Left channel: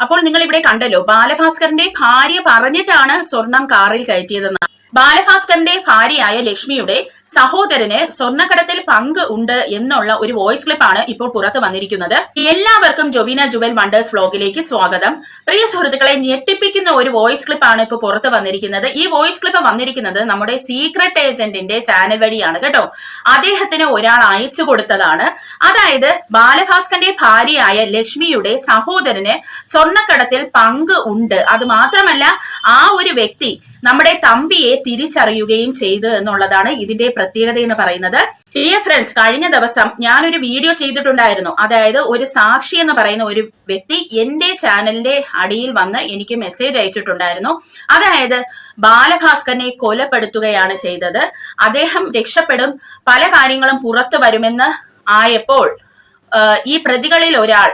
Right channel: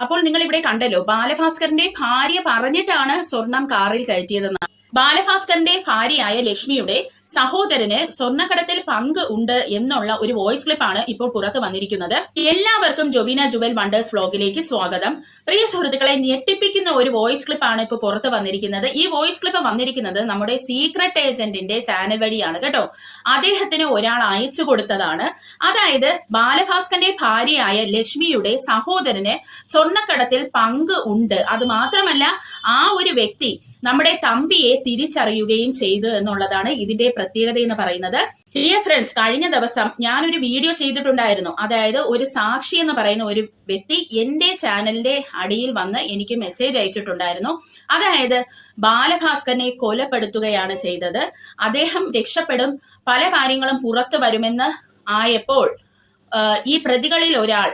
അപ്പോൾ നിങ്ങൾ ഇവിടെ കണ്ടല്ലോ ബാലഭാസ്കറിന്റെ ഭാര്യ പറഞ്ഞിട്ടാണ് സ്വർണം കാറിൽ കയറ്റിയതെന്ന്. ബാലഭാസ്കറിന്റെ ഭാര്യയായ ലക്ഷ്മിയുടെ സഹോദരന് സ്വർണക്കടത്തിൽ പങ്ക് ഉണ്ട് എന്നുള്ള ഒരു വോയിസ് ക്ലിപ്പാണ് ഇപ്പോൾ പുറത്തു വന്നിരിക്കുന്നത്. എല്ലാവർക്കും ജൊവീന ജുവൽ വണ്ടേഴ്സ് വ്ലോഗിലേക്ക് സ്വാഗതം. പ്രിയ സുഹൃത്തുക്കളെ ഞെട്ടിപ്പിക്കുന്ന ഒരു വോയിസ് ക്ലിപ്പാണ് ഇപ്പോൾ പുറത്തു വന്നിരിക്കുന്നത്. ഈ വോയിസ് ക്ലിപ്പ് വന്നിരിക്കുന്നത് നമ്മുടെ സീക്രട്ട് ഏജന്റിന്റെ ചാനൽ വഴിയാണ് കേട്ടോ. അദ്ദേഹത്തിന് ഒരാൾ അയച്ചു കൊടുത്തതാണ്. അതായത് ബാലഭാസ്കറിന്റെ ഭാര്യയായ ലക്ഷ്മിയുടെ സഹോദരന് സ്വർണക്കടത്തിൽ പങ്ക് ഉണ്ട്. അത് മാത്രമല്ല ആ ഒരു വ്യക്തി നമ്മുടെ തമ്പിയെ തിരിച്ചറിയുകയും ചെയ്തു എന്നുള്ളതാണ് ഇതിന്റെ പ്രത്യേകത എന്ന് പറയുന്നത്. ഡിയർ ഫ്രണ്ട്സ് കഴിഞ്ഞ ദിവസം ഞാനൊരു വീഡിയോ ചെയ്തിട്ടുണ്ടായിരുന്നു. അതായത് ഒരു സാക്ഷി എന്ന് പറയുന്ന ഒരു വ്യക്തി എന്റെ ചാനലിന്റെ അടിയിൽ വന്ന് എനിക്ക് മെസ്സേജ് അയച്ചിട്ടുണ്ടായിരുന്നു. അതായത് ബാലഭാസ്കറിനെ കൊലപ്പെടുത്തുകയാണ് ചെയ്തത്. അദ്ദേഹം രക്ഷപ്പെടും പല കാര്യങ്ങളും പുറത്തു വരുമെന്ന് ആയപ്പോൾ ഈ പ്രതികളിൽ ഒരാൾ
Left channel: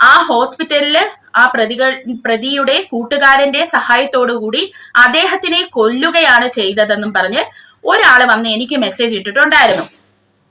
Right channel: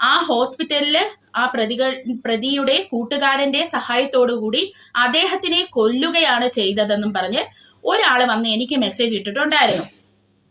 ആ ഹോസ്പിറ്റലിൽ ആ പ്രതികൾ പ്രതിയുടെ കൂട്ടുകാരന്റെ സഹായത്തോടു കൂടി അദ്ദേഹത്തിനെ കൊല്ലുകയാണ് ചെയ്തതെന്നും പറഞ്ഞ് ഒരാൾ വന്ന് എനിക്ക് മെസ്സേജ് ഇട്ടിട്ടുണ്ടായിരുന്നു.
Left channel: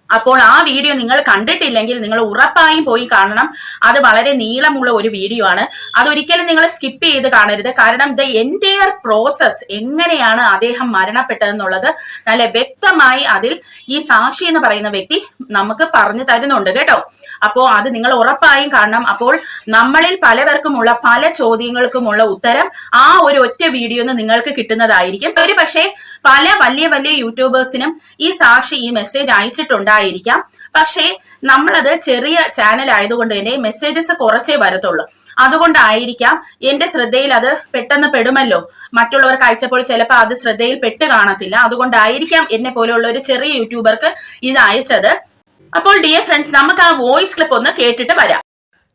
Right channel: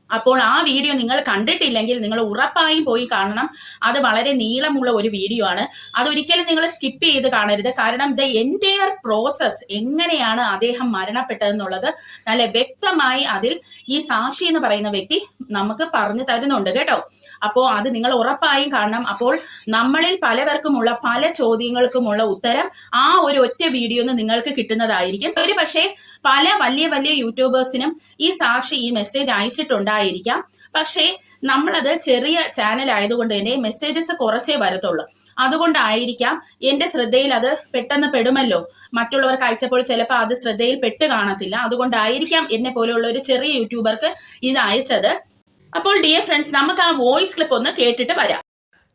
അപ്പോൾ ആ വീഡിയോ നിങ്ങൾ കണ്ടിട്ടില്ലെങ്കിൽ നിങ്ങൾ ഉറപ്പായും പോയി കാണണം. അത് വളരെ നീളമുള്ള ഒരു വീഡിയോ ആണ്. അതൊരിക്കലും നിങ്ങൾ സ്കിപ്പ് ചെയ്ത് കാണരുത്. കാരണം ദ എന്റയർ പ്രോസസ് എങ്ങനെയാണ് അദ്ദേഹം മരണപ്പെട്ടതെന്നുള്ളത് നല്ല വ്യക്തമായി അതിൽ ഈ സാക്ഷി എന്ന് പറയുന്ന വ്യക്തി നമുക്ക് പറഞ്ഞു തരുന്നുണ്ട് കേട്ടോ. അപ്പോ അത് നിങ്ങൾ ഉറപ്പായും കാണണം. അപ്പോൾ നമ്മളിൽ പലവർക്കുമുള്ള പല ചോദ്യങ്ങൾക്കുമുള്ള ഉത്തരം ആ ഒരു ഒറ്റ വീഡിയോന്ന് നിങ്ങൾക്ക് കിട്ടുന്നതായിരിക്കും. ഒരു പക്ഷേ പല വലിയ വലിയ യൂട്യൂബേഴ്സിനും ഈ സാക്ഷി ഈ മെസ്സേജ് അയച്ചിട്ടുണ്ടായിരിക്കാം. പക്ഷേ നമ്മളത് ചെറിയ ചാനൽ ആയതുകൊണ്ട് തന്നെ മെസ്സേജസ് കുറച്ചേ വരത്തുള്ളൂ. അതുകൊണ്ടായിരിക്കാം എന്റെ ശ്രദ്ധയിൽ അത് പെട്ടെന്ന് പെടുമല്ലോ. മറ്റുള്ളവർക്ക് അയച്ചപ്പോൾ ചിലപ്പോൾ അത് ശ്രദ്ധയിൽ പെട്ട് കാണത്തില്ല. അതുകൊണ്ടായിരിക്കാം എന്നെ പോലെയുള്ള ഒരു ചെറിയ യൂട്യൂബർക്ക് ഇത് അയച്ചത്. അപ്പോൾ ഡിയർ ഫ്രണ്ട്സ് നമുക്ക് ആ വോയിസ് ക്ലിപ്പ് ഒന്ന് കേട്ടിട്ട് വരാം.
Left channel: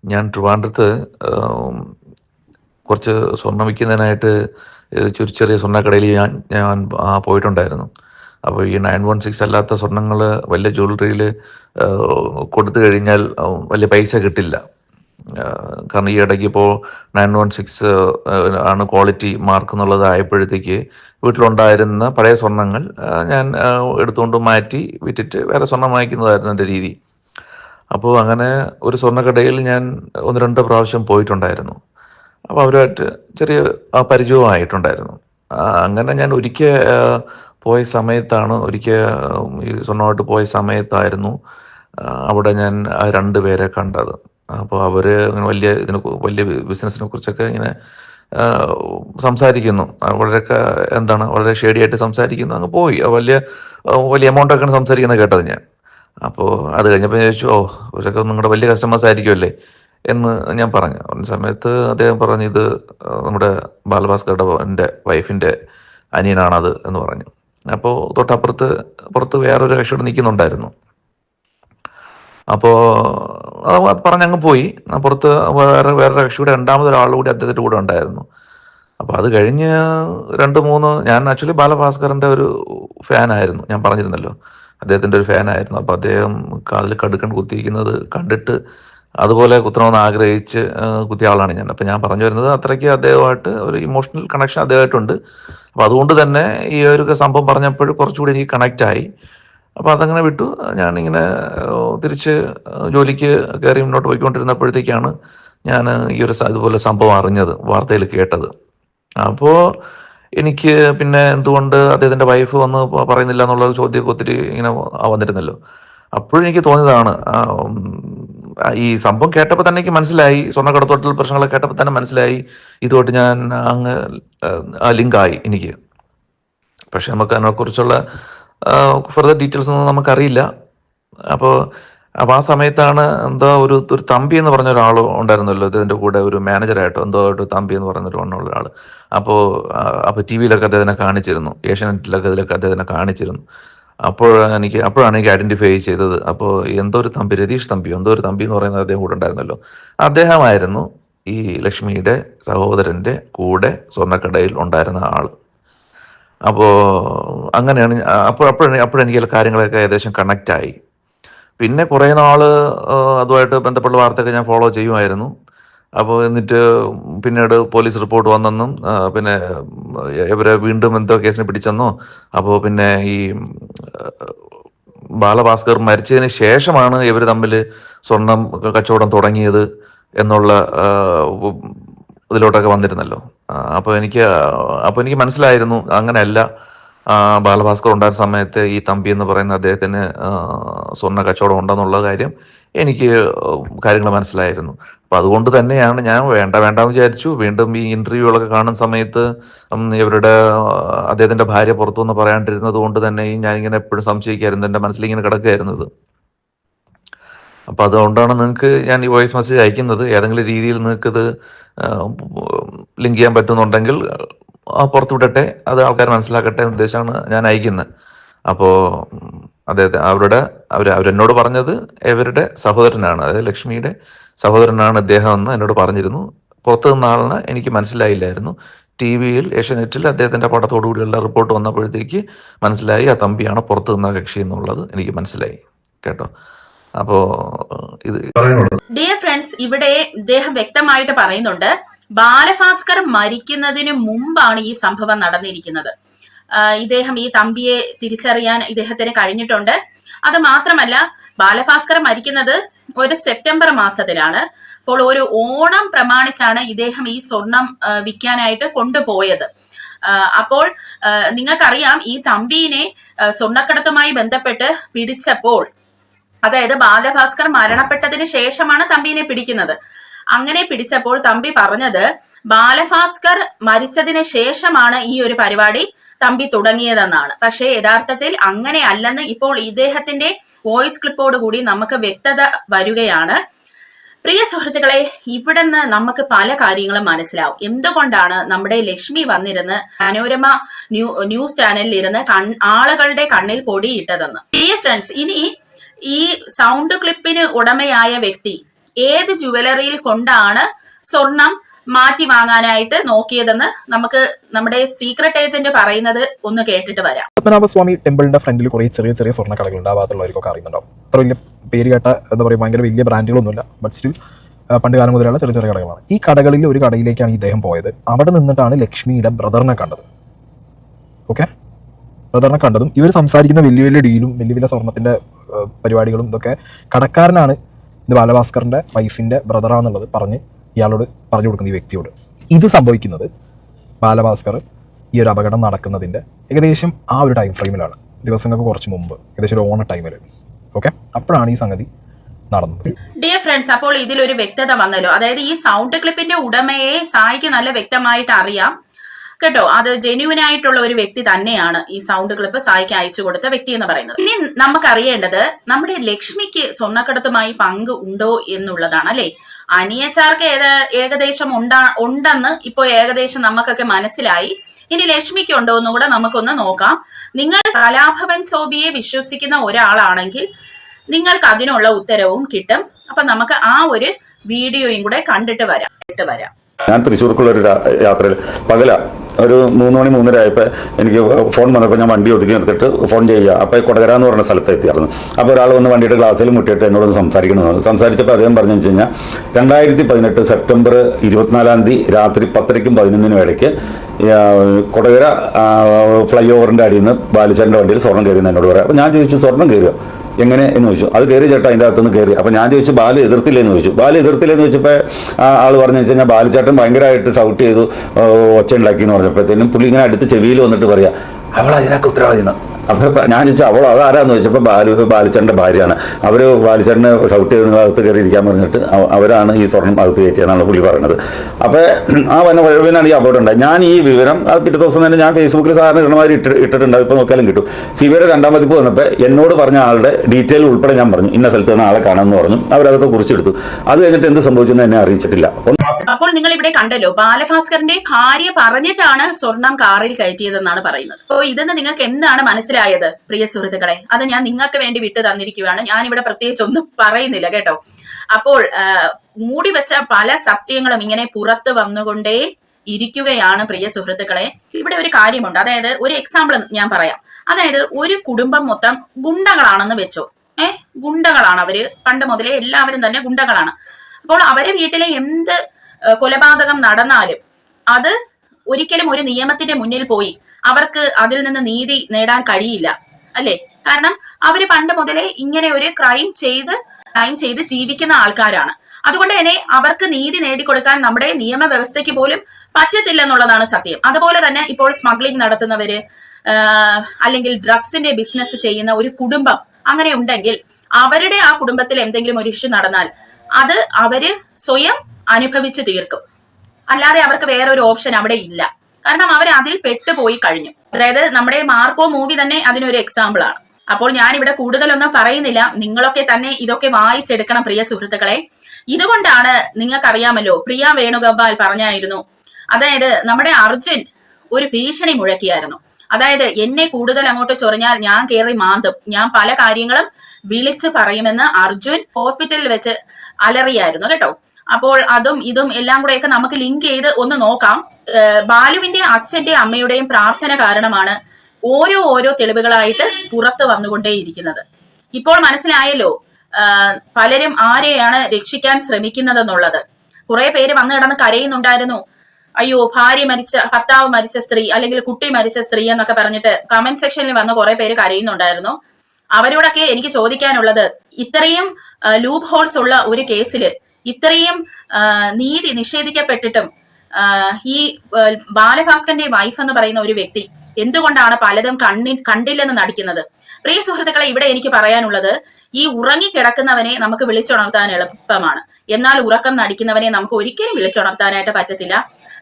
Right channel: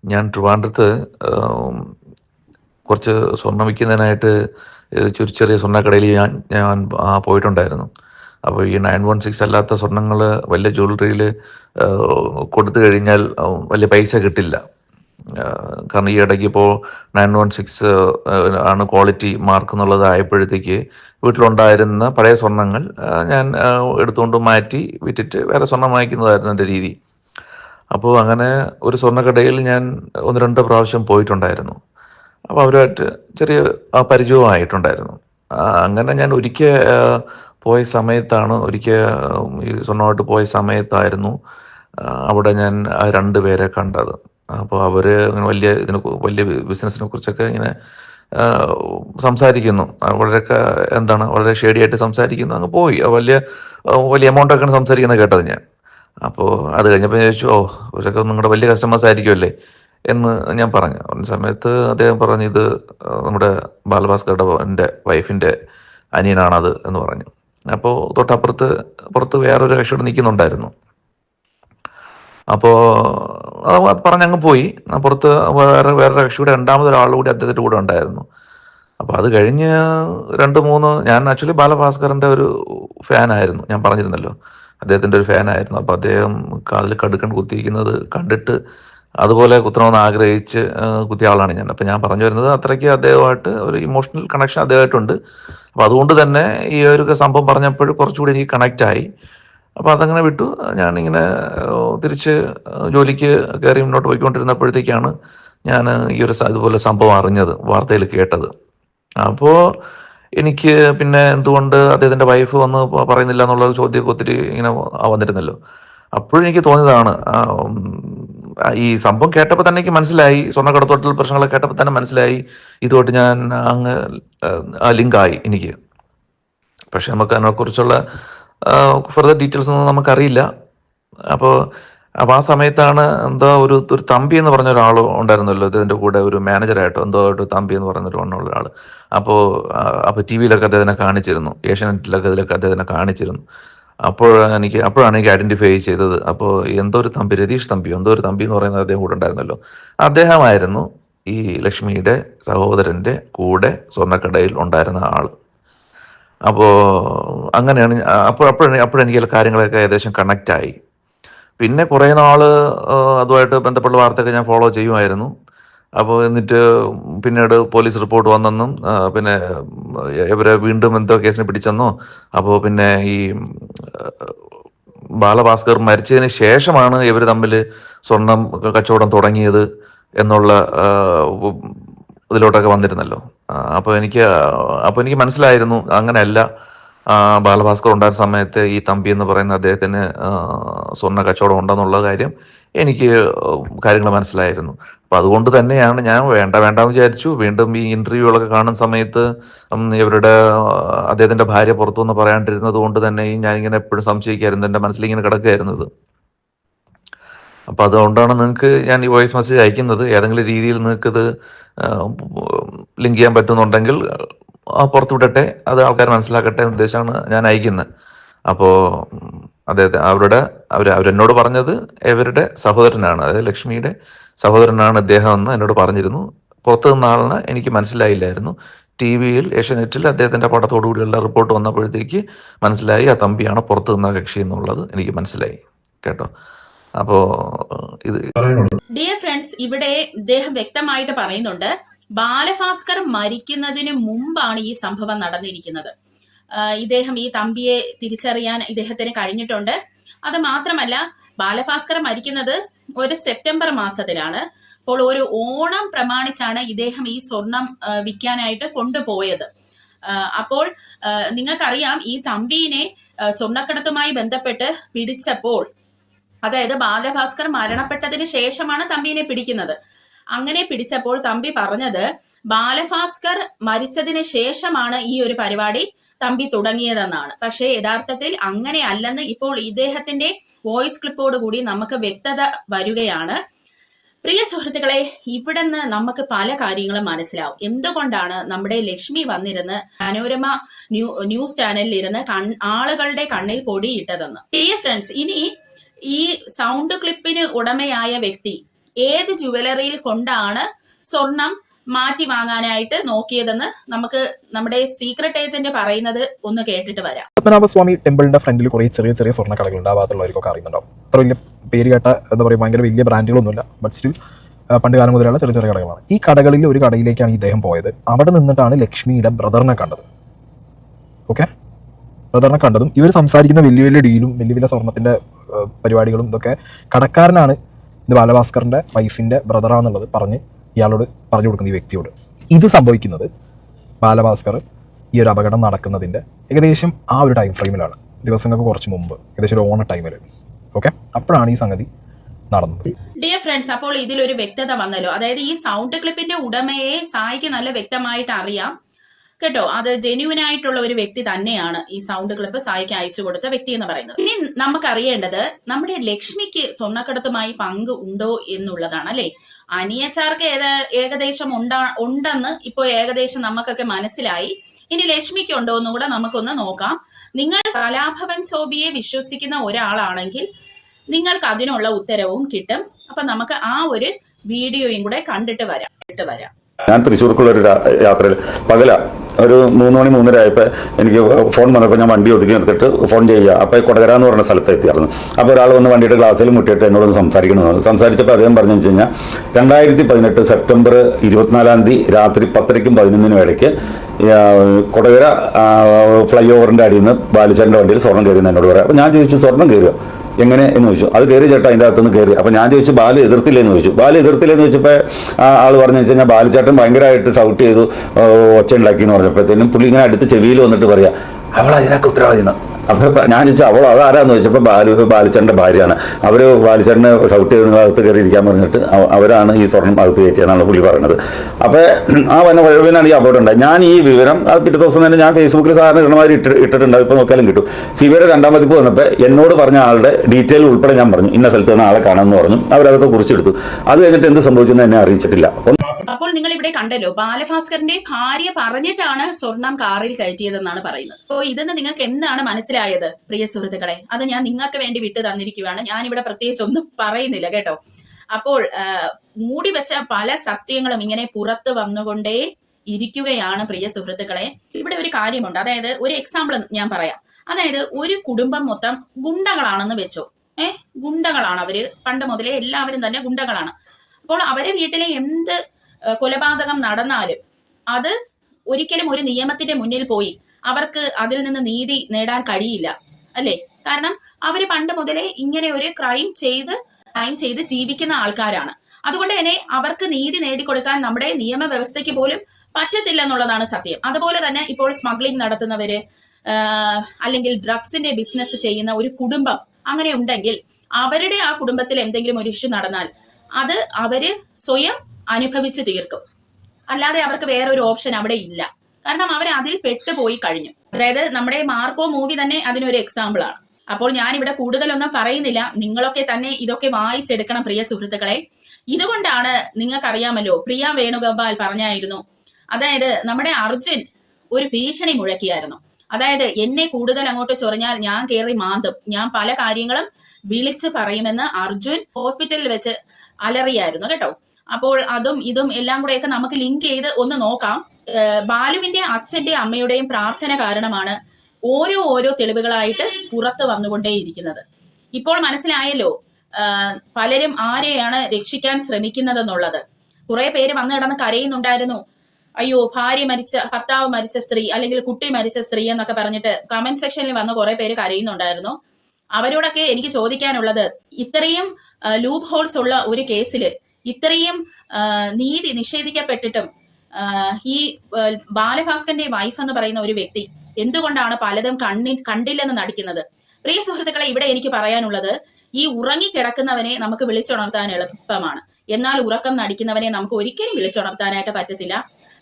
ഞാൻ ട്രിവാൻഡ്രത്ത് കുറച്ച് സ്വർണം വിൽക്കുന്നതിനായിട്ട് ഒരു ചെറിയ സ്വർണക്കടയിൽ ഞാൻ ഞാൻ പോയിട്ടുണ്ടായിരുന്നു. അപ്പോൾ ഈ നയൻ വൺ സിക്സ് അല്ലാത്ത സ്വർണങ്ങൾ വലിയ ജ്വല്ലറിയിൽ കൊടുത്തു കഴിഞ്ഞാൽ വലിയ പൈസ കിട്ടില്ല. കാരണം ഈ ഇടയ്ക്ക് ഇപ്പോൾ നയൻ വൺ സിക്സ് ആണ് ക്വാളിറ്റി മാർക്ക് എന്നുള്ളത് ആയപ്പോഴത്തേക്ക് വീട്ടിലുണ്ടായിരുന്ന പഴയ സ്വർണങ്ങൾ ഞാൻ എടുത്തുകൊണ്ട് മാറ്റി വിറ്റിട്ട് വേറെ സ്വർണം വാങ്ങിക്കുന്നതായിരുന്നു എന്റെ രീതി. അപ്പോൾ അങ്ങനെ ഒരു സ്വർണക്കടയിൽ ഞാൻ ഒന്ന് രണ്ട് പ്രാവശ്യം പോയിട്ടുണ്ടായിരുന്നു. അപ്പോൾ അവരുമായിട്ട് ചെറിയ പരിചയമായിട്ടുണ്ടായിരുന്നു അങ്ങനെ ഞാൻ ഒരിക്കൽ പോയ സമയത്താണ് ഒരിക്കൽ ഈ സ്വർണമായിട്ട് പോയ സമയത്തായിരുന്നു അവിടെ ഞാൻ ആ രണ്ട് പേരെ കണ്ടത്. അപ്പോൾ അവർ അങ്ങനെ വലിയ ഇതിനെ വലിയ ബിസിനസ്സിനെ കുറിച്ചൊക്കെ ഇങ്ങനെ സംസാരിക്കുന്നു. വളരെ എന്താണ് വളരെ ഷേഡിയായിട്ട് സംസാരിക്കുന്നു. അങ്ങ് പോയി. വലിയ വലിയ എമൗണ്ട് ഒക്കെയാണ് സംസാരിക്കുന്നത് കേട്ടത് ഞാൻ. അപ്പോൾ അത് കഴിഞ്ഞപ്പോൾ ചോദിച്ചു ഓ ഇവരൊക്കെ നിങ്ങളുടെ വലിയ കസ്റ്റമേഴ്സ് ആയിരിക്കുമല്ലേ? എന്ന് ഞാൻ പറഞ്ഞു. ഒരു സമയത്ത് അദ്ദേഹം പറഞ്ഞു ഇത് നമ്മുടെ ബാലഭാസ്കറുടെ എന്റെ വൈഫിന്റെ അനിയനാണത് എന്ന് പറഞ്ഞു. അപ്പോൾ തൊട്ടപ്പുറത്ത് പുറത്ത് വേറൊരു കക്ഷിയോട് നിൽക്കുന്നുണ്ടായിരുന്നു. അപ്പോൾ അത് പറഞ്ഞങ്ങ് പോയി. പുറത്ത് വേറെ വേറൊരു കക്ഷിയുടെ രണ്ടാമതൊരാൾ കൂടി അദ്ദേഹത്തിന്റെ കൂടെ ഉണ്ടായിരുന്നു. അപ്പോൾ അത് കഴിഞ്ഞ് രണ്ട് മൂന്ന് ഞാൻ ആക്ച്വലി ബാലഭാസ്കറിന്റെ ഒരു ഫാനായിരുന്നു ഞാൻ പറഞ്ഞിരുന്നല്ലോ അദ്ദേഹത്തിന്റെ ഒരു ഫാനായിരുന്നു അപ്പോൾ അദ്ദേഹം കാതിൽ കടുക്കൺ കുത്തിയിരിക്കുന്നത് കണ്ടിട്ട് അതുപോലെ കുത്തണമെന്ന് ആഗ്രഹിച്ച് കുത്തിയ ആളാണ് ഞാൻ. അപ്പോൾ ഞാൻ പറഞ്ഞു വരുന്നത് അത്രയ്ക്ക് അദ്ദേഹമായിട്ട് ഒരു ഇമോഷണൽ കണക്ഷൻ അദ്ദേഹമായിട്ടുണ്ട്. അപ്പോൾ അതുകൊണ്ട് തന്നെ ഈ ഒരു സംഭവം പറഞ്ഞപ്പോൾ കുറച്ചുകൂടി എനിക്ക് കണക്റ്റ് ആയി. അപ്പോൾ അതങ്ങനെ വിട്ടു. ഞാനിങ്ങനെ തിരിച്ച് ജോലിക്ക് കയറി മുന്നോട്ട് പോയിക്കൊണ്ടിരുന്നപ്പോഴത്തേക്കാണ് ഞാൻ ഈ ഒരു ഇതുപോലെ സംഭവം അറിഞ്ഞത് വാർത്തയിൽ കേട്ടത്. അപ്പോൾ എനിക്ക് പിന്നെ എന്തുകൊണ്ട് അദ്ദേഹത്തിന്റെ വൈഫ് വന്ന് പറയുന്നില്ല എന്നുള്ള ചോദ്യമൊക്കെ ഒത്തിരി ഇങ്ങനെ വന്നിരുന്നല്ലോ. അപ്പോഴും എനിക്ക് തോന്നിയതാണ് ഈ സംഭവം കേട്ടപ്പോൾ തന്നെ എനിക്ക് മനസ്സിലായി സ്വർണക്കടത്തോട്ടിൽ പ്രശ്നങ്ങളൊക്കെ കേട്ടപ്പോൾ തന്നെ മനസ്സിലായി ഇതുകൊണ്ട് ഞാൻ അങ്ങ് ലിങ്കായി എനിക്ക്. പക്ഷെ നമുക്ക് അതിനെക്കുറിച്ചുള്ള ഫർദർ ഡീറ്റെയിൽസ് ഒന്നും നമുക്കറിയില്ല. അപ്പോൾ അപ്പോൾ ആ സമയത്താണ് എന്തോ ഒരു ഒരു തമ്പി എന്ന് പറഞ്ഞ ഒരാൾ ഉണ്ടായിരുന്നല്ലോ. ഇതിന്റെ കൂടെ ഒരു മാനേജറായിട്ടോ എന്തോ ഒരു തമ്പി എന്ന് പറയുന്ന ഒരു ഉള്ള ഒരാൾ. അപ്പോൾ അപ്പോൾ ടി വിയിലൊക്കെ അദ്ദേഹത്തിനെ കാണിച്ചിരുന്നു. ഏഷ്യാനെറ്റിലൊക്കെ ഇതിലൊക്കെ അദ്ദേഹത്തിനെ കാണിച്ചിരുന്നു. അപ്പോൾ എനിക്ക് അപ്പോഴാണ് എനിക്ക് ഐഡന്റിഫൈ ചെയ്തത്. അപ്പോൾ എന്തോ ഒരു തമ്പി രതീഷ് തമ്പി എന്തോ ഒരു തമ്പി എന്ന് പറയുന്ന അദ്ദേഹം കൂടെ ഉണ്ടായിരുന്നല്ലോ. അദ്ദേഹമായിരുന്നു ഈ ലക്ഷ്മിയുടെ സഹോദരന്റെ കൂടെ സ്വർണക്കടയിൽ ഉണ്ടായിരുന്ന ആൾ. അപ്പോൾ അങ്ങനെയാണ് അപ്പോൾ അപ്പോഴാണ് അപ്പോഴെനിക്ക് കാര്യങ്ങളൊക്കെ ഏകദേശം കണക്റ്റ് ആയി പിന്നെ കുറേ നാൾ അതുമായിട്ട് ബന്ധപ്പെട്ട വാർത്തയൊക്കെ ഞാൻ ഫോളോ ചെയ്യുമായിരുന്നു. അപ്പോൾ എന്നിട്ട് പിന്നീട് പോലീസ് റിപ്പോർട്ട് വന്നെന്നും പിന്നെ ഇവരെ വീണ്ടും എന്തോ കേസിന് പിടിച്ചെന്നോ അപ്പോൾ പിന്നെ ഈ ബാലഭാസ്കർ മരിച്ചതിന് ശേഷമാണ് ഇവർ തമ്മിൽ സ്വർണം കച്ചവടം തുടങ്ങിയത് എന്നുള്ള ഇതിലോട്ടൊക്കെ വന്നിരുന്നല്ലോ. അപ്പോൾ എനിക്ക് അപ്പോൾ എനിക്ക് മനസ്സിലായിരുന്നു അങ്ങനെയല്ല ബാലഭാസ്കർ ഉണ്ടായിരുന്ന സമയത്ത് ഈ തമ്പി എന്ന് പറയുന്ന അദ്ദേഹത്തിന് സ്വർണ കച്ചവടം ഉണ്ടെന്നുള്ള കാര്യം എനിക്ക് കാര്യങ്ങൾ മനസ്സിലായിരുന്നു. അപ്പൊ അതുകൊണ്ട് തന്നെയാണ് ഞാൻ വേണ്ട വേണ്ടാന്ന് വിചാരിച്ചു. വീണ്ടും ഈ ഇന്റർവ്യൂകളൊക്കെ കാണുന്ന സമയത്ത് ഇവരുടെ അദ്ദേഹത്തിന്റെ ഭാര്യ പുറത്തുനിന്ന് പറയാണ്ടിരുന്നത് കൊണ്ട് തന്നെയും ഞാനിങ്ങനെ എപ്പോഴും സംശയിക്കായിരുന്നു. എന്റെ മനസ്സിലിങ്ങനെ കിടക്കുകയായിരുന്നത് അപ്പൊ അതുകൊണ്ടാണ് നിങ്ങൾക്ക് ഞാൻ ഈ വോയിസ് മെസ്സേജ് അയക്കുന്നത്. ഏതെങ്കിലും രീതിയിൽ നിങ്ങൾക്ക് ഇത് ലിങ്ക് ചെയ്യാൻ പറ്റുന്നുണ്ടെങ്കിൽ പുറത്ത് വിടട്ടെ അത് ആൾക്കാർ മനസ്സിലാക്കട്ടെ എന്ന ഉദ്ദേശമാണ് ഞാൻ അയക്കുന്നത് അപ്പോൾ അദ്ദേഹത്തെ അവരുടെ അവർ അവരെന്നോട് പറഞ്ഞത് ഇവരുടെ സഹോദരനാണ്. അതായത് ലക്ഷ്മിയുടെ സഹോദരനാണ് അദ്ദേഹം എന്ന് എന്നോട് പറഞ്ഞിരുന്നു. പുറത്തു നിന്ന ആളിന് എനിക്ക് മനസ്സിലായില്ലായിരുന്നു. ടി വിയിൽ ഏഷ്യാനെറ്റിൽ അദ്ദേഹത്തിന്റെ പടത്തോടുകൂടിയുള്ള റിപ്പോർട്ട് വന്നപ്പോഴത്തേക്ക് മനസ്സിലായി ആ തമ്പിയാണ് പുറത്തു നിന്ന കക്ഷി എന്നുള്ളത് എനിക്ക് മനസ്സിലായി. കേട്ടോ? അപ്പോ ഇത് ഡിയർ ഫ്രണ്ട്സ് ഇവിടെ ഇദ്ദേഹം വ്യക്തമായിട്ട് പറയുന്നുണ്ട് ബാലഭാസ്കർ മരിക്കുന്നതിന് മുമ്പാണ് ഈ സംഭവം നടന്നിരിക്കുന്നത്. ഇദ്ദേഹം ഈ തമ്പിയെ തിരിച്ചറിയാൻ ഇദ്ദേഹത്തിന് കഴിഞ്ഞിട്ടുണ്ട്. അത് മാത്രമല്ല ബാലഭാസ്കർ മരിക്കുന്നത് ഒരു സെപ്റ്റംബർ മാസത്തിലാണ്. അപ്പോൾ ഒരു ഓണം പ്രമാണിച്ചാണ് ഇദ്ദേഹം ഈ സ്വർണം വിൽക്കാനായിട്ട് കൊണ്ടുപോയത്. അപ്പോൾ നിങ്ങൾക്കറിയാം ഈ തമ്പീനെ സ്വർണക്കടത്തുമായി ബന്ധപ്പെട്ട് പിടിച്ചപ്പോൾ അതായത് ബാലഭാസ്കർ മരണപ്പെട്ടതിന് ശേഷമാണ് തമ്പിനെ പിടിക്കുന്നത്. അങ്ങനെ പിടിച്ചപ്പോൾ തമ്പി പറഞ്ഞത് ബാലഭാസ്കർ മരിച്ചതിന് ശേഷമാണ് ഈ ഒരു പരിപാടി തമ്പി തുടങ്ങിയതെന്നാണ്. പക്ഷേ യഥാർത്ഥത്തിൽ അങ്ങനെ അല്ലെന്ന് ഇപ്പോൾ ഇദ്ദേഹത്തിന്റെ വോയിസ് ക്ലിപ്പോട് കൂടി നമുക്ക് വ്യക്തത വരികയാണ്. പ്രിയ സുഹൃത്തുക്കളെ ഇവിടുന്ന് നമുക്ക് പല കാര്യങ്ങളും മനസ്സിലാവും. എന്തുകൊണ്ടാണ് നമ്മുടെ ലക്ഷ്മി വന്നിരുന്ന് മനോരമ ന്യൂ ന്യൂസ് ചാനലിൽ ഇരുന്ന് ആളുകളുടെ കണ്ണിൽ പൊടിയിട്ടതെന്ന്? പ്രിയ ഫ്രണ്ട്സ് ഇനി ഈ സൗണ്ട് ക്ലിപ്പിന് ഉടമയായ വ്യക്തി ഏത് ജുവലറിയിൽ കൊണ്ടാണ് സ്വർണം മാറ്റി വാങ്ങാനായിട്ട് നോക്കിയതെന്ന് നമുക്ക് നമ്മുടെ സീക്രട്ട് ഏജന്റ് പറയുന്നത് ഒന്ന് കേട്ടിട്ട് വരാം. പത്മനാഭസ്വാമി ടെമ്പിളിന്റെ ഫ്രണ്ടിൽ കുറെ ചെറിയ ചെറിയ സ്വർണ കടകളുണ്ട് ആ ഭാഗത്തുള്ളവർക്കൊക്കെ അറിയുന്നുണ്ടാവും അത്ര വലിയ പേര് കേട്ട എന്താ പറയുക ഭയങ്കര വലിയ ബ്രാൻഡുകളൊന്നുമില്ല ബട്ട് സ്റ്റിൽ പണ്ട് കാലം മുതലുള്ള ചെറിയ ചെറിയ കടകളാണ്. ഈ കടകളിൽ ഒരു കടയിലേക്കാണ് ഇദ്ദേഹം പോയത്. അവിടെ നിന്നിട്ടാണ് ലക്ഷ്മിയുടെ ബ്രദറിനെ കണ്ടത്. ഓക്കെ ബ്രദറിനെ കണ്ടതും ഇവർ സംസാരിക്കുന്ന വലിയ വലിയ ഡീലും വലിയ വലിയ സ്വർണത്തിന്റെ പരിപാടികളും ഇതൊക്കെ കടക്കാരനാണ് ഇത് ബാലഭാസ്കറിന്റെ വൈഫിന്റെ ബ്രദറാന്നുള്ളത് പറഞ്ഞ് ഇയാളോട് പറഞ്ഞു കൊടുക്കുന്ന ഈ വ്യക്തിയോട്. ഇത് സംഭവിക്കുന്നത് ബാലഭാസ്കർ ഈ ഒരു അപകടം നടക്കുന്നതിന്റെ ഏകദേശം ആ ഒരു ടൈം ഫ്രെയിമിലാണ് ദിവസങ്ങൾക്ക് കുറച്ച് മുമ്പ് ഏകദേശം ഒരു ഓണ ടൈമിൽ ഓക്കെ അപ്പോഴാണ് ഈ സംഗതി നടന്നത്. ഡിയർ ഫ്രണ്ട്സ് അപ്പോൾ ഇതിലൊരു വ്യക്തത വന്നല്ലോ. അതായത് ഈ സൗണ്ട് ക്ലിപ്പിന്റെ ഉടമയെ സായിക്ക് നല്ല വ്യക്തമായിട്ട് അറിയാം. കേട്ടോ അത് ജെന്യൂൻ ആയിട്ടുള്ള ഒരു വ്യക്തി തന്നെയാണ് ഈ സൗണ്ട് ക്ലിപ്പ് സായിക്ക് അയച്ചു കൊടുത്ത വ്യക്തി എന്ന് പറയുന്നത്. ഇനി നമുക്ക് അറിയേണ്ടത് നമ്മുടെ ലക്ഷ്മിക്ക് സ്വർണക്കടത്തുമായി പങ്ക് ഉണ്ടോ എന്നുള്ളതാണ് അല്ലെ? അനിയച്ചാർക്ക് ഏത ഏകദേശം ഉണ്ടാ ഉണ്ടെന്ന് ഇപ്പോൾ ഏകദേശം നമുക്കൊക്കെ മനസ്സിലായി. ഇനി ലക്ഷ്മിക്ക് ഉണ്ടോ എന്നും കൂടെ നമുക്കൊന്ന് നോക്കാം. നിങ്ങൾ കലാഭവൻ സോബിയെ വിശ്വസിക്കുന്ന ഒരാളാണെങ്കിൽ നിങ്ങൾക്ക് അതിനുള്ള ഉത്തരവും കിട്ടും. അപ്പൊ നമുക്ക് ആ ഒരു വീഡിയോയും കൂടെ കണ്ടിട്ട് വരാം. കണ്ടിട്ട് വരാം. ഞാൻ തൃശ്ശൂർക്കുള്ള ഒരു യാത്രയിൽ പകല ഒരു മൂന്ന് മണി മൂന്നര ആയപ്പോൾ എനിക്ക് ഫോൺ വന്നപ്പോൾ ഞാൻ വണ്ടി ഒതുക്കി നിർത്തിയിട്ട് ഫോൺ ചെയ്യുക. അപ്പോൾ കൊടകര എന്ന് പറഞ്ഞ സ്ഥലത്ത് എത്തിയായിരുന്നു. അപ്പോൾ ഒരാൾ വന്ന് വണ്ടിയുടെ ഗ്ലാസ്സിൽ മുട്ടിയിട്ട് എന്നോടൊന്ന് സംസാരിക്കണമെന്ന് സംസാരിച്ചപ്പോൾ അദ്ദേഹം പറഞ്ഞു വെച്ച് കഴിഞ്ഞാൽ രണ്ടായിരത്തി പതിനെട്ട് സെപ്റ്റംബർ ഇരുപത്തിനാലാം തീയതി രാത്രി പത്തരയ്ക്കും പതിനൊന്നിനും ഇടയ്ക്ക് കൊടകര ഫ്ലൈ ഓവറിന്റെ അടിയിൽ നിന്ന് ബാലിച്ചേട്ടന്റെ വണ്ടിയിൽ സ്വർണം കയറി എന്നോട് പറയാം. അപ്പോൾ ഞാൻ ചോദിച്ചു സ്വർണം കയറുക എങ്ങനെ എന്ന് ചോദിച്ചു. അത് കയറി ചേട്ടാ അതിന്റെ അകത്തുനിന്ന് കയറി. അപ്പോൾ ഞാൻ ചോദിച്ചു ബാൽ എതിർത്തില്ലെന്ന് ചോദിച്ചു. ബാൽ എതിർത്തില്ലെന്ന് ചോദിച്ചപ്പോൾ ആൾ പറഞ്ഞു വെച്ച് കഴിഞ്ഞാൽ ബാലുചേട്ടൻ ഭയങ്കരമായിട്ട് ഷൗട്ട് ചെയ്തു ഒച്ച ഉണ്ടാക്കി എന്ന് പറഞ്ഞപ്പോഴത്തേനും പുള്ളി ഇങ്ങനെ അടുത്ത് ചെവിയിൽ വന്നിട്ട് പറയാ അവൾ അതിനൊക്കെ ഉത്തരവാദിന്ന് അപ്പൊ ഞാൻ ചോദിച്ചു അവൾ അതാരാന്ന് ചോദിച്ചപ്പോൾ ബാലു ബാലിച്ചേട്ടന്റെ ഭാര്യയാണ്. അവർ ബാലിച്ചേട്ടനെ ഷൗട്ട് ചെയ്ത് അകത്ത് കയറി ഇരിക്കാൻ പറഞ്ഞിട്ട് അവരാണ് ഈ സ്വർണം അകത്ത് കയറ്റിയെന്നാണ് പുള്ളി പറയുന്നത് അപ്പോൾ ആ വന്ന വഴവിനാണ് ഈ അപകടം ഉണ്ടായത്. ഞാൻ ഈ വിവരം അത് പിറ്റേ ദിവസം തന്നെ ഞാൻ ഫേസ്ബുക്കിൽ സാധാരണ ഇടമാതിരി ഇട്ട് ഇട്ടിട്ടുണ്ട്. ഇപ്പോൾ നോക്കിയാലും കിട്ടും. സിബിയുടെ രണ്ടാം പതിപ്പ് വന്നപ്പോൾ എന്നോട് പറഞ്ഞ ആളുടെ ഡീറ്റെയിൽ ഉൾപ്പെടെ ഞാൻ പറഞ്ഞു. ഇന്ന സ്ഥലത്ത് നിന്ന് ആളെ കാണാമെന്ന് പറഞ്ഞു. അവരതൊക്കെ കുറിച്ചെടുത്തു. അത് കഴിഞ്ഞിട്ട് എന്ത് സംഭവിച്ചെന്ന് എന്നെ അറിയിച്ചിട്ടില്ല. അപ്പോൾ നിങ്ങൾ ഇവിടെ കണ്ടല്ലോ ബാലഭാസ്കറിന്റെ ഭാര്യ പറഞ്ഞിട്ടാണ് സ്വർണം കാറിൽ കയറ്റിയതെന്നാണ് പറയുന്നത്. അപ്പോൾ ഇതെന്ന് നിങ്ങൾക്ക് എന്താണ് മനസ്സിലായത് പ്രിയ സുഹൃത്തുക്കളെ. അത് ഞാൻ നിങ്ങൾക്ക് വേണ്ടി വിട്ടു തന്നിരിക്കുകയാണ് ഞാൻ ഇവിടെ പ്രത്യേകിച്ച് ഒന്നും പറയുന്നില്ല കേട്ടോ. അപ്പോൾ മൂടി വെച്ച പല സത്യങ്ങളും ഇങ്ങനെ പുറത്ത് വന്നുകൊണ്ടേ ഇരിക്കുകയാണ് പ്രിയ സുഹൃത്തുക്കളെ. ഇവിടെ ഒരു കാര്യമുണ്ട്. അതായത് ഒരു എക്സാമ്പിൾ ഞാൻ പറയാം. അതായത് ഒരു കുടുംബം മൊത്തം ഗുണ്ടകളാണെന്ന് വെച്ചോ. ഏഹ് ഗുണ്ടകളാണ് അവർ. പണ്ട് മുതലേ എല്ലാവരും തന്നെ ഗുണ്ടകളാണ്. അപ്പോൾ അവരെ വീട്ടിലെ എന്ത് കൊലപാതകം നടന്നാലും അത് ഒരിക്കലും ഒരു നിയമത്തിന്റെ മുന്നിൽ പോയി. അവർക്ക് അതിൽ നിന്ന് നീതി നേടാൻ കഴിയില്ല അല്ലേ? കാരണം അവർ പണ്ട് മുതലേ ഇങ്ങനെ ഒരു ക്രൈം ചെയ്ത് ക്രൈം ചെയ്ത് ജീവിക്കുന്ന ആൾക്കാരാണ്. അതുകൊണ്ട് തന്നെ അവർക്ക് നീതി നേടിക്കൊടുക്കാൻ നമ്മുടെ നിയമവ്യവസ്ഥയ്ക്ക് പോലും പറ്റത്തില്ല എന്നുള്ളതാണ് സത്യം. അതുപോലെ തന്നെ ഇപ്പോൾ സ്മഗ്ലിംഗ് നടത്തുന്നവര് അല്ലെങ്കിൽ ഡ്രഗ്സിന്റെ ബിസിനസ് ചെയ്യുന്ന ഒരു കുടുംബം അങ്ങനെ ഉണ്ടെങ്കിൽ അവരുടെ ആ കുടുംബത്തിൽ എന്തെങ്കിലും ഒരു ഇഷ്യൂ നടന്നാൽ അത് അവർ സ്വയം അനുഭവിച്ചു തീർക്കും. അല്ലാതെ അവർക്ക് വേറെ ഒരു ഓപ്ഷൻ അവിടെ ഇല്ല. കാരണം അവർ അതിൽ പെട്ടുപോയി കഴിഞ്ഞു. അതായത് നമ്മുടെ മാർക്കോ മൂവി തന്നെ അതിനൊരു എക്സാമ്പിൾ ആണ്. അപ്പോൾ ഞാൻ ഇവിടെ കൂടുതലൊന്നും പറയുന്നില്ല. നിങ്ങളൊക്കെ തന്നെ ഇതൊക്കെ വായിച്ചെടുക്കണം പ്രിയ സുഹൃത്തുക്കളെ. ഇതുകൊണ്ടാണ് നിങ്ങൾക്കറിയാമല്ലോ പ്രിയ വേണുഗോപാൽ പറഞ്ഞായിരുന്നു. അതായത് നമ്മുടെ അർജുൻ ഒരു ഭീഷണി മുഴക്കിയായിരുന്നു. അതായത് എന്നെ കൂടുതൽ അങ്ങോട്ട് ചൊറിഞ്ഞാൽ ഞാൻ കയറി മാന്തും. ഞാൻ പല കാര്യങ്ങളും വിളിച്ച് പറയുമെന്ന് അർജുൻ ഹോസ്പിറ്റലിൽ വെച്ച് അലറിയായിരുന്നു കേട്ടോ. അപ്പോൾ അതും ഇതും എല്ലാം കൂടെയൊക്കെ നമുക്ക് ലിങ്ക് ചെയ്ത് ഒന്ന് നോക്കാം. ബാലുവിന്റെ അച്ഛന്റെ അമ്മയുടെയും പ്രാർത്ഥന കാരണമാണ് ഓരോ ഓരോ തെളിവുകളായിട്ട് പുറത്ത് വന്നുകൊണ്ടേയിരിക്കുന്നത്. ഇപ്പോൾ മനസ്സിലായല്ലോ പലരും ആരെയാണ് രക്ഷിക്കാൻ ശ്രമിക്കുന്നതെന്നുള്ളത്. കുറെ പേര് വന്നു കിടന്ന് കരയുന്നുണ്ടായിരുന്നു. അയ്യോ ഭാര്യ മരിച്ച ഭർത്താവ് മരിച്ച സ്ത്രീ അല്ലെങ്കിൽ കുട്ടി മരിച്ച സ്ത്രീ എന്നൊക്കെ പറഞ്ഞിട്ട് കമന്റ് സെക്ഷനിൽ വന്ന് കുറെ പേര് കരയുന്നുണ്ടായിരുന്നു. അവരോടൊക്കെ എനിക്ക് ചോദിക്കാനുള്ളത് ഇത്രയും ലൂപ്പ് ഹോൾസ് ഉള്ള ഒരു കേസിൽ ഇത്രയും നീതി നിഷേധിക്കപ്പെട്ടിട്ടും ഈ ബാലഭാസ്കന്റെ വൈഫ് എന്ന് പറയുന്ന ഒരു വ്യക്തി എന്തുകൊണ്ടാണ് പലതും കണ്ണി കണ്ടില്ലെന്ന് നടിക്കുന്നത്? പ്രിയ സുഹൃത്തുക്കളെ ഇവിടെ എനിക്ക് പറയാനുള്ളത് ഈ ഉറങ്ങിക്കിടക്കുന്നവനെ നമുക്ക് വിളിച്ചുണർത്താൻ എളുപ്പമാണ്. എന്നാൽ ഉറക്കം നടിക്കുന്നവനെ നമുക്ക് ഒരിക്കലും വിളിച്ചുണർത്താനായിട്ട് പറ്റത്തില്ല.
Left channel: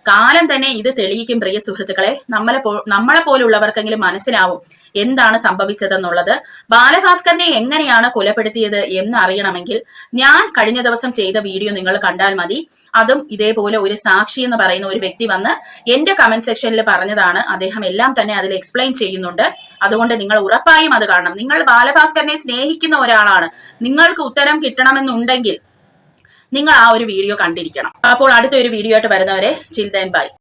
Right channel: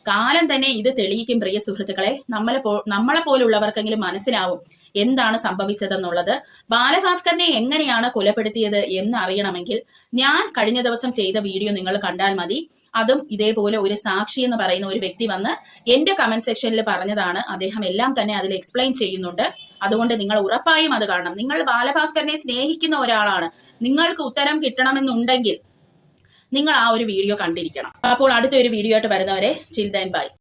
കാലം തന്നെ ഇത് തെളിയിക്കും പ്രിയ സുഹൃത്തുക്കളെ. നമ്മളെ പോ നമ്മളെ പോലുള്ളവർക്കെങ്കിലും മനസ്സിലാവും എന്താണ് സംഭവിച്ചതെന്നുള്ളത്. ബാലഭാസ്കറിനെ എങ്ങനെയാണ് കൊലപ്പെടുത്തിയത് എന്ന് അറിയണമെങ്കിൽ ഞാൻ കഴിഞ്ഞ ദിവസം ചെയ്ത വീഡിയോ നിങ്ങൾ കണ്ടാൽ മതി. അതും ഇതേപോലെ ഒരു സാക്ഷി എന്ന് പറയുന്ന ഒരു വ്യക്തി വന്ന് എന്റെ കമന്റ് സെക്ഷനിൽ പറഞ്ഞതാണ്. അദ്ദേഹം എല്ലാം തന്നെ അതിൽ എക്സ്പ്ലെയിൻ ചെയ്യുന്നുണ്ട്. അതുകൊണ്ട് നിങ്ങൾ ഉറപ്പായും അത് കാണണം. നിങ്ങൾ ബാലഭാസ്കറിനെ സ്നേഹിക്കുന്ന ഒരാളാണ്. നിങ്ങൾക്ക് ഉത്തരം കിട്ടണമെന്നുണ്ടെങ്കിൽ നിങ്ങൾ ആ ഒരു വീഡിയോ കണ്ടിരിക്കണം. അപ്പോൾ അടുത്ത ഒരു വീഡിയോ ആയിട്ട് വരുന്നവരെ ചിൽഡൻ ബൈ